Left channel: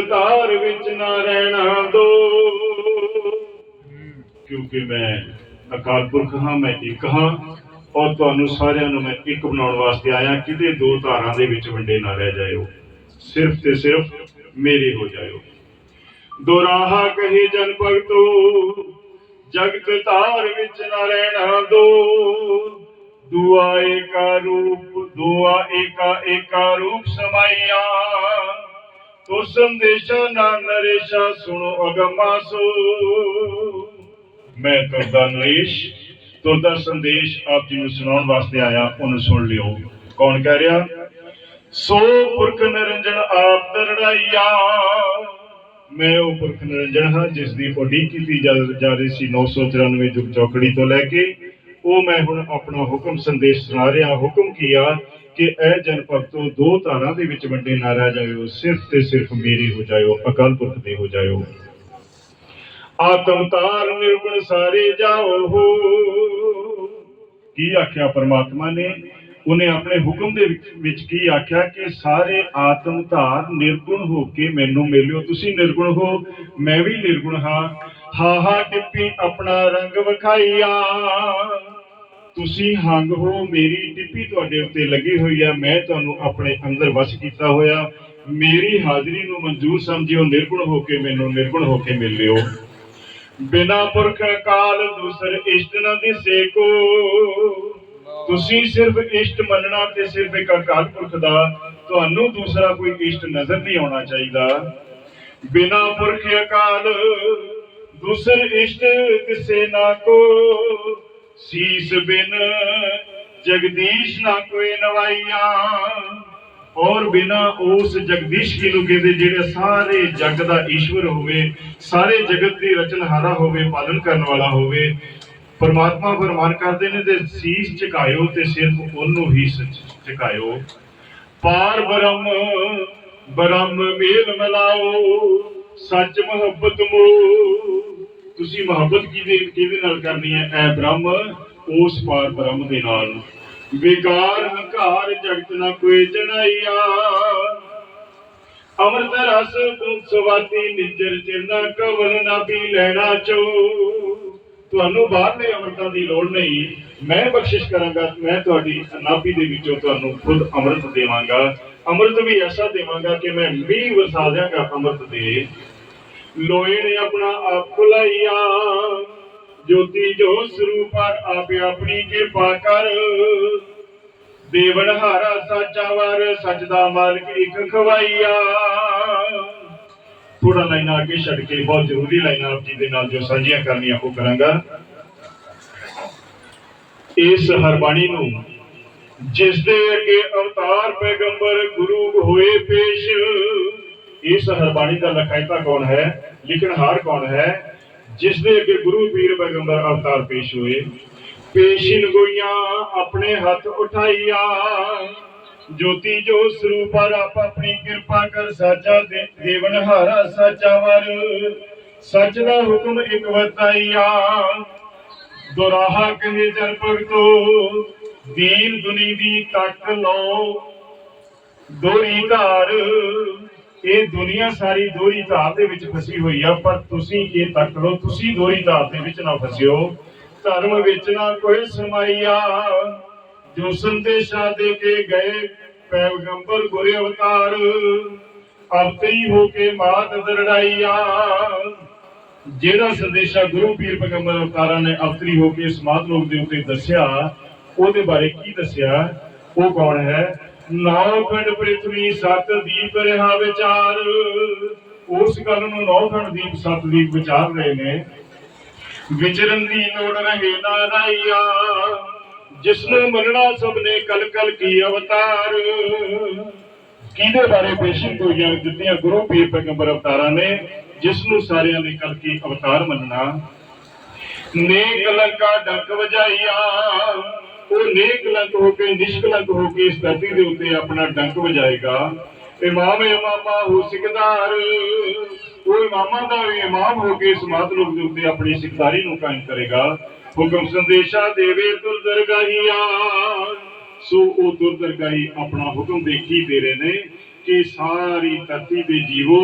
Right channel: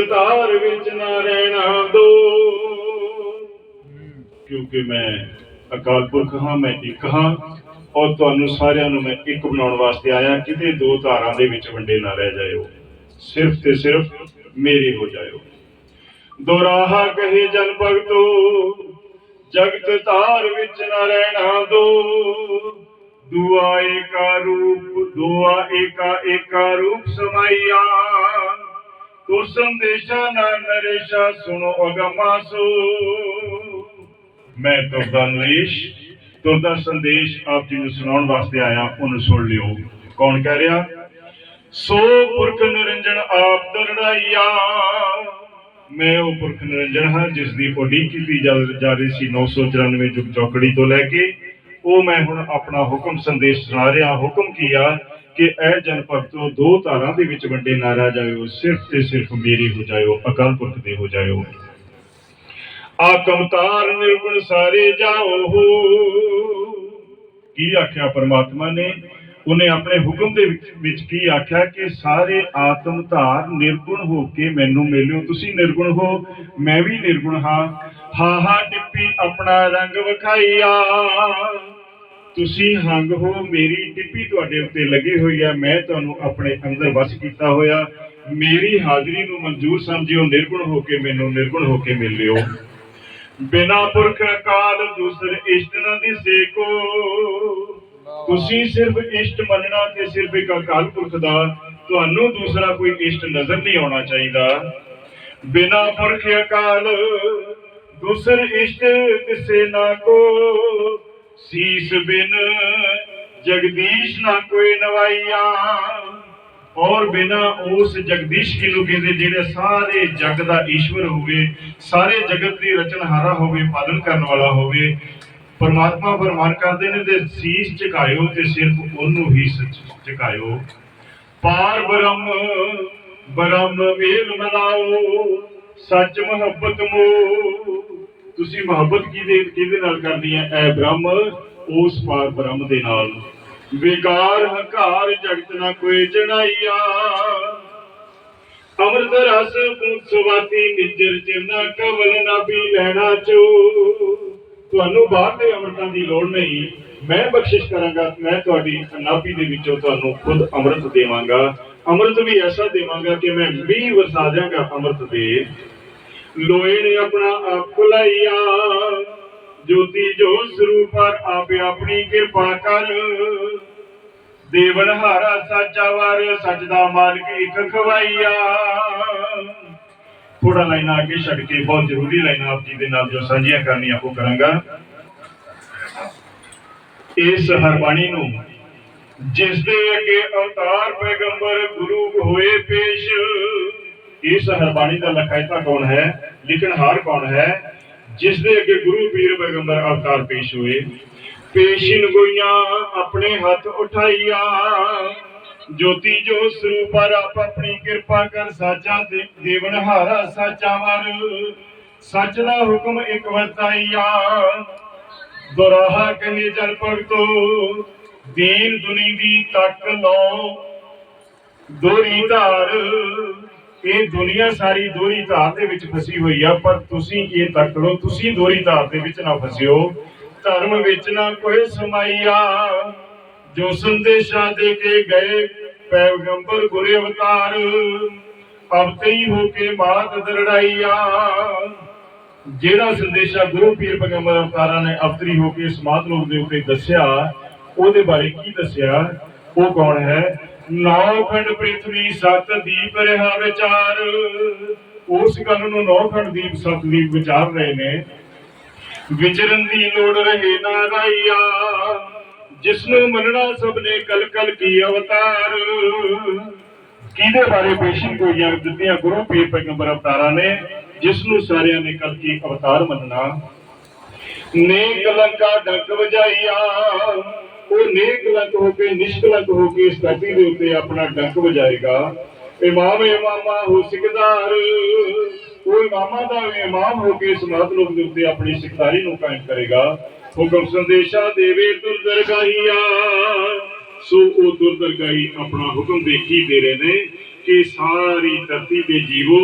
ਤਾਰ ਵਿੱਚ ਨਾ ਰਹਿਣਾ ਦੋ। ਕਿਉਂਕਿ ਮੈਂ ਅਕਾਲ ਪੁਰਖ ਹਾਂ, ਮੈਂ ਇੱਕ ਹਾਂ ਔਰ ਤੁਹਾਨੂੰ ਸਾਰਿਆਂ ਨੂੰ ਮੈਂ ਇੱਕ ਬਣਾਉਣ ਵਾਸਤੇ ਆਇਆ, ਕਿਤੇ ਦੋ ਧਾਰਾਂ ਦੇ ਵਿੱਚ ਵੰਡੇ ਨਾ ਰਹਿ ਜਾਇਓ। ਸਿਰਫ ਤੇ ਸਿਰਫ ਮੇਰੇ ਹੋ ਜਾਇਓ। ਦੁਰਾਹਾ ਕਹੇ ਜਨ ਭਗਤੋ, ਜਗਤ ਧਾਰ ਵਿੱਚ ਨਾ ਰਹਿਣਾ ਦੋ। ਦੁਆ ਏਕਾ ਰੂਪ, ਦੁਆ ਏਕਾ ਏਕਾ ਰੂਪ ਸਮਾਈਆ। ਤੋ ਸੰਦੇਸ਼ਾ ਨਾ ਨਰੇਸ਼ਾ, ਸੁਣੋ ਅਗਮਾਸੋ। ਮੈਂ ਤੁਹਾਡਾ ਨਰੇਸ਼, ਤੁਹਾਡਾ ਸੰਦੇਸ਼ ਆਪ ਜੀ ਨੂੰ ਸੁਣਾਉਣ ਵਾਸਤੇ ਆਇਆ, ਉਹਨੂੰ ਸੁਣ ਲਿਓ। ਕੌਣ ਕਹਿ ਰਿਹਾ? ਸੋ ਪੁਰਖ ਨਿਰੰਜਨ ਆਪ ਦਰੜਾਈਆ ਮੈਂ ਉਹ ਪੁਰਖ ਨਿਰੰਜਨ ਹਾਂ, ਜਿਸ ਦੀ ਉਡੀਕ ਕੀਤੀ ਜਾ ਰਹੀ ਸੀ 994 ਜੁਗ ਚੌਕੜੀ ਤੋਂ ਲੈ ਕੇ। ਉਹ ਮੈਂ ਹੁਣ ਆਪਣਾ ਹੁਕਮ ਸੰਦੇਸ਼ ਸੁਣਾ ਰਿਹਾ। ਹੁਕਮ ਕੀ ਆ? ਕਿ ਇਹ ਜਨ ਦੋ ਧਾਰਾਂ ਦੇ ਵਿੱਚ ਵੰਡੇ ਨਾ ਰਹਿ ਜਾਇਓ, ਸਿਰਫ ਤੇ ਸਿਰਫ ਮੇਰੀ ਹੋ ਜਾਇਓ, ਅਕਾਲ ਪੁਰਖ ਦੇ ਹੋ ਜਾਇਓ। ਆਤਮ ਤਾਰ ਨਿਰਗੁਣ ਸਾਰੇ ਜਾਓ। ਕੀ ਆਖਿਆ ਪਰਮਾਤਮਾ ਨੇ? ਉਹਨੇ ਆਪਣੇ ਹੁਕਮ ਦੇ ਵਿੱਚ ਕੀ ਆਖਿਆ ਕਿ ਸਾਰੇ ਆਤਮ ਧਾਰ ਨਿਰਗੁਣ ਹੋ ਕੇ ਮੈਨੂੰ ਮਿਲਿਓ, ਤੁਸੀਂ ਨਿਰਗੁਣ ਹੋ, ਮੈਂ ਵੀ ਨਿਰਗੁਣ ਹਾਂ ਹਾ, ਟਿੱਪੀ ਆਪਣਾ ਰੰਗ ਵਿਖਾਈਆ। ਤੁਸੀਂ ਹੰਗ ਹੋ, ਮੇਰੀ ਟਿੱਪੀ ਤੁਹਾਡੇ ਉੱਤੇ ਲੱਗੀ ਹੋਈ ਆ, ਮੈਂ ਤੁਹਾਨੂੰ ਆਪਣੇ ਅੰਦਰ ਵਸ ਕੀਤਾ ਹੋਇਆ। ਮੇਰੀ ਹਾਜ਼ਰੀ ਨੂੰ ਮਨਜ਼ੂਰ ਸਮਝਿਓ, ਨਿਰਗੁਣ ਹੋ ਕੇ ਮੈਨੂੰ ਨਿਰਗੁਣ ਹੋ ਕੇ ਮਿਲ ਲਿਓ। ਬਿਨਾ ਪੁਰਖ ਕਾਲ ਦੂਸਰ ਇਸ਼ਟ ਨ ਦਿਸੇ ਕੋ ਤੁਸੀਂ ਸਿਰਫ ਇਸ਼ਟ ਮੰਨਣਾ ਤੇ ਸਿਰਫ ਇੱਕ ਅਕਾਲ ਪੁਰਖ ਦਾ, ਤੁਹਾਨੂੰ ਦੂਸਰਾ ਕੋਈ ਇਸ਼ਟ ਨਜ਼ਰ ਨਹੀਂ ਆਉਣਾ ਚਾਹੀਦਾ। ਬਿਨਾ ਪੁਰਖ ਅਕਾਲ ਦੂਸਰ ਇਸ਼ਟ ਕਿਸੇ ਨਾ ਕੋ। ਸੀਸ ਬਿਨ ਜਗਦੀਸ਼ ਨਾ ਕੋਈ ਨਵਾਈਆ, ਔਰ ਬਿਨਾ ਉਸ ਜਗਦੀਸ਼ ਕੀ ਨੂੰ ਕਹਿੰਦੇ ਜਿਹੜੇ ਸਾਰੇ ਜਗ ਦਾ ਈਸ਼ਵਰ ਹੋਵੇ, ਸਾਰੇ ਜਗਤ ਦੀ ਰਚਨਹਾਰਾ ਹੋਵੇ, ਪਾਲਣ ਕਰਨ ਵਾਲਾ ਹੋਵੇ, ਪਰਮਾਤਮਾ ਫਰਮਾਨ ਕਰਦੇ ਨੇ ਤੇ ਸੀਸ ਝੁਕਾਇਓ ਤੇ ਸਿਰਫ ਉਹਨੂੰ ਹੀ ਸ- ਝੁਕਾਇਓ। ਪਾਰ ਬ੍ਰਹਮ ਬ੍ਰਹਮ ਮੇਲ ਮਿਲਾਓ, ਸੱਚ ਮੁਹੱਬਤ ਮੋ ਤੁਸੀਂ ਮੁਹੱਬਤ ਕਿਹਦੇ ਕਿਹਦੇ ਨਾਲ ਕਰਨੀ ਹੈ? ਐ ਬ੍ਰਹਮ, ਉਸ ਪਾਰ ਬ੍ਰਹਮ ਦੇ ਨਾਲ। ਵਿਕਾਰ, ਹੰਕਾਰ, ਜਗਤ ਨਾ ਕੋਈ ਚੜਾਈਆ ਅਮਰਤ ਰਸ ਪੁੰਤ ਨਿਜਰ ਚਿਰਨਾ ਕਵਲ ਨਾ ਪੀ ਲੈਣਾ ਚੋ। ਤੁਹਾਨੂੰ ਬਾਹਰਲੇ ਅਮਰਤਾਂ ਦੀ ਲੋੜ ਨਹੀਂ। ਮੈਂ ਬਖਸ਼ਿਸ਼ ਕਰਾਂਗਾ, ਮੈਂ ਤੁਹਾਡੀ ਨਾਭੀ ਦੇ ਵਿੱਚੋਂ ਤੁਹਾਨੂੰ ਖੁਦ ਅੰਮ੍ਰਿਤ ਦੇਵਾਂਗਾ। ਅੰਮ੍ਰਿਤ ਵੀ ਐਸਾ ਦੇਵਾਂਗਾ ਕਿ ਮੈਂ ਮੀਂਹ ਵਰਸਾ ਦਿਆਂਗਾ ਅੰਮ੍ਰਿਤ ਦੇ। ਲੋਏ ਨੇ ਆਪਣਾ ਆਪ ਖੁਲਾਈਆ ਜੋਤੀ ਜੋ ਸਰੂਪਰ ਆਪੇ ਆਪਣੀ ਕਿਰਪਾ ਕਰ। ਦੇਵਨ ਹਾਰਾ ਸਾਚਾ ਵਰ, ਸੱਚ ਦਾ ਮਾਲਕ ਇੱਕ ਖਵਾਈਆ ਥੋੜਾ ਲਾਈਨਾਂ ਅੱਗੇ ਛੱਡ ਕੇ, ਬਹੁਤ ਜ਼ਰੂਰੀ ਲਾਈਨਾਂ ਆਪ ਜੀ ਦੇ ਨਾਲ ਜੋ ਸਾਂਝੀਆਂ ਕਰਨੀਆਂ, ਉਹ ਕਰਾਂਗਾ। ਇਸ ਹਰਬਾਣੀ ਨੂੰ ਜਿਸ ਦੇ ਅੱਗੇ ਅਵਤਾਰ ਪੈਗੰਬਰ ਗੁਰੂ ਹੋਏ ਪੇਸ਼ ਇਸ ਹਰਬਾਣੀ ਦਾ ਲਖਾਇਤਾ ਕੌਣ ਹੈ? ਲਿਖਣਹਾਰ ਕੌਣ ਹੈ? ਜਿਸ ਦੇ ਅੱਗੇ ਗੁਰੂ ਪੀਰ ਪੈਗੰਬਰ ਅਵਤਾਰ ਪੇਸ਼ ਹੋਏ। ਪੇਸ਼ਿਨ ਗੋਈਆਂ ਆਪਣੇ ਹੱਥ ਉਠਾਈਆ। ਜੋਤੀ ਜੋ ਸਰੂਪਰ ਆਪ ਆਪਣੀ ਕਿਰਪਾ ਕਰ ਸਾਚਾ ਦੇ ਦੇਵਨ ਹਾਰਾ ਸਾਚਾ ਵਰ। ਸੱਚ ਦਾ ਹੁਕਮ ਇੱਕ ਵਤਾਈਆ ਦੁਰਾਹਾ ਕਹੇ ਜਨ ਭਗਤੋ, ਦੀਨ ਦੁਨੀ ਦੀ ਤੱਕ ਲਓ ਦੋਰੀ ਧਾਰ। ਇਹ ਦੁਨੀਆ ਸਾਰੀ ਦੋਹਰੀ ਧਾਰ ਦੇ ਵਿੱਚ ਫਸੀ ਹੋਈ ਆ, ਪਰ ਤੁਸੀਂ ਇਹ ਤੱਕ ਲਓ ਤੁਸੀਂ ਦੋਰੀ ਧਾਰ ਦੇ ਵਿੱਚ ਨਾ ਫਸਿਓ। ਧਰਮ ਵਿੱਚ ਨਾ ਕੋਈ ਸਮਾਈਆ। ਜੋ ਸੰਦੇਸ਼ਾ ਦੇ ਕੇ ਗਏ, ਪੈਗੰਬਰ ਗੁਰੇ ਅਵਤਾਰ। ਅਬ ਹੋ ਕੇ ਮਾਤ ਦਰੜਾਈਆ ਜਿਹੜਾ ਸੰਦੇਸ਼ਾ ਗੁਰੂ ਪੀਰ ਪੈਗੰਬਰ ਅਵਤਾਰਾਂ ਨੇ ਅਵਤਰੀ ਹੋ ਕੇ ਸਮਾਧ ਲੋਕ ਦੇ ਉੱਤੇ ਦੱਸਿਆ, ਉਹਦੇ ਬਾਰੇ ਕੀ ਦੱਸਿਆ, ਉਹ ਕੌਣ ਹੈ? ਨੌ ਖੰਡ ਪ੍ਰਿਥਵੀ ਸਤ ਦੀਪ ਰਹਾ ਵਿਚਾਰ। ਉਸ ਗੱਲ ਨੂੰ ਨੌ ਖੰਡ ਦੀਪ ਸਤ ਦੀਪ ਵਿਚਾਰ ਰਹੇ ਨੇ। ਵਿਚਰਨ ਦੀ ਲੋੜ ਰਹੇ ਨਾ ਜਿਸ ਨੂੰ ਮੰਨਣਾ ਸਭ ਨੇ ਕਲ ਕਲ ਕੀ ਅਵਤਾਰ। ਕਿਹਦੇ ਬਾਰੇ ਪੇਸ਼ੀ ਹੋਈਆਂ ਦਿੱਤੀਆਂ ਗੁਰੂ ਪੀਰ ਪੈਗੰਬਰ ਅਵਤਾਰਾਂ ਨੇ ਜਿਸ ਨੂੰ ਸਾਰਿਆਂ ਨੇ ਕਲ ਕੀ ਅਵਤਾਰ ਮੰਨਣਾ। ਨੇਕ ਲੰਕਾ ਡੰਕ ਵਜਾਈਆ ਉਹ ਨੇਕ ਹੋ ਕੇ ਨਿਸ਼ਕਲੰਕ ਹੋ ਕੇ ਇਸ ਧਰਤੀ ਦੇ ਉੱਤੇ ਆਪਣਾ ਡੰਕ ਵਜਾਏਗਾ। ਇਮਾਮ ਇਮਾਮਾ ਹੋ ਸਿਕਦਾਰ। ਉਹ ਇਮਾਮਾਂ ਦਾ ਇਮਾਮ ਹੋ ਕੇ ਸਮਾਧ ਲੋਕ ਦੇ ਉੱਤੇ ਆਪਣੀ ਸਿਕਦਾਰੀ ਨੂੰ ਕਾਇਮ ਕਰੇਗਾ। ਹੁਕਮ ਸੰਦੇਸ਼ਾ ਦੇਵੇ ਤੁਰ ਦਰਗਾਹੀਆ ਸੋ ਉਹ ਦੁਰਦਰਗਾਹੀ ਆਪਣਾ ਹੁਕਮ ਦੇਖੀ ਦੇ ਰਹੇ ਨੇ ਕਿ ਸਾਰੀ ਧਰਤੀ ਦੇ ਜੀਵੋ।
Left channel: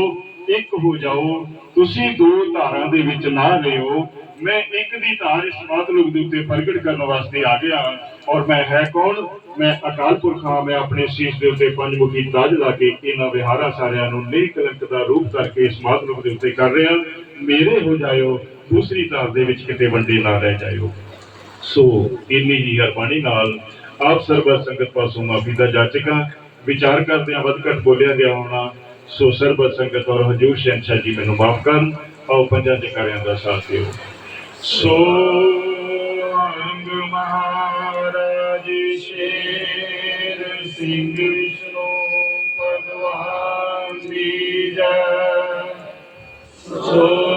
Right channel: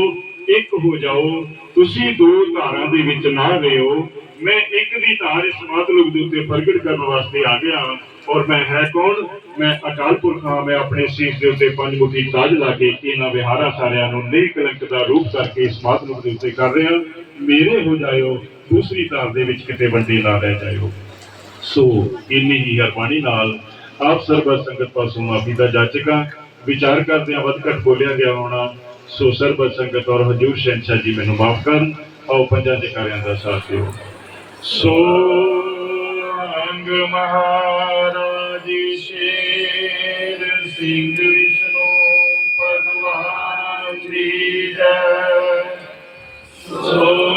ਇੱਕ ਹੋ ਜਾਓ, ਤੁਸੀਂ ਦੋ ਧਾਰਾਂ ਦੇ ਵਿੱਚ ਨਾ ਰਹੋ ਮੈਂ ਇੱਕ ਦੀ ਧਾਰ ਇਸ ਮਾਤਲੁਕ ਦੇ ਉੱਤੇ ਪ੍ਰਗਟ ਕਰਨ ਵਾਸਤੇ ਆ ਗਿਆ। ਔਰ ਮੈਂ ਹੈ ਕੌਣ? ਮੈਂ ਅਕਾਲ ਪੁਰਖ ਹਾਂ, ਮੈਂ ਆਪਣੇ ਸੀਸ ਦੇ ਉੱਤੇ ਪੰਜ ਤਾਜ ਲਾ ਕੇ ਇਹਨਾਂ ਵਿਹਾਰਾਂ ਸਾਰਿਆਂ ਨੂੰ ਨਿਰਕਲੰਕ ਦਾ ਰੂਪ ਕਰਕੇ ਇਸ ਮਾਤਲੁਕ ਦੇ ਉੱਤੇ ਕਰ ਰਿਹਾ। ਮੇਰੇ ਹੋ ਜਾਇਓ, ਦੂਸਰੀ ਧਾਰ ਦੇ ਵਿੱਚ ਕਿਤੇ ਵੰਡੇ ਨਾ ਰਹਿ ਜਾਇਓ। ਸੋ ਇੰਨੀ ਹੀ ਹਰਬਾਣੀ ਨਾਲ ਆਪ ਸਰਬਤ ਸੰਗਤ ਪਾਸੋਂ ਮਾਫੀ ਦਾ ਜਾਚਕਾਂ, ਵਿਚਾਰ ਕਰਦਿਆਂ ਵੱਧ ਘੱਟ ਬੋਲਿਆ ਗਿਆ ਹੋਣਾ ਸੋ ਸਰਬਤ ਸੰਗਤ ਔਰ ਹਜੂਰ ਸ਼ਹਿਨशाह ਜੀ, ਮੈਨੂੰ ਮਾਫ ਕਰਨ। ਆਓ ਪੰਜਾਂ ਜਕਾਰਿਆਂ ਦਾ ਸਾਥ ਦਿਓ। ਸੋ ਅੰਗ ਮਹਾਰਾਜ ਸ਼ੇਰ ਸਿੰਘ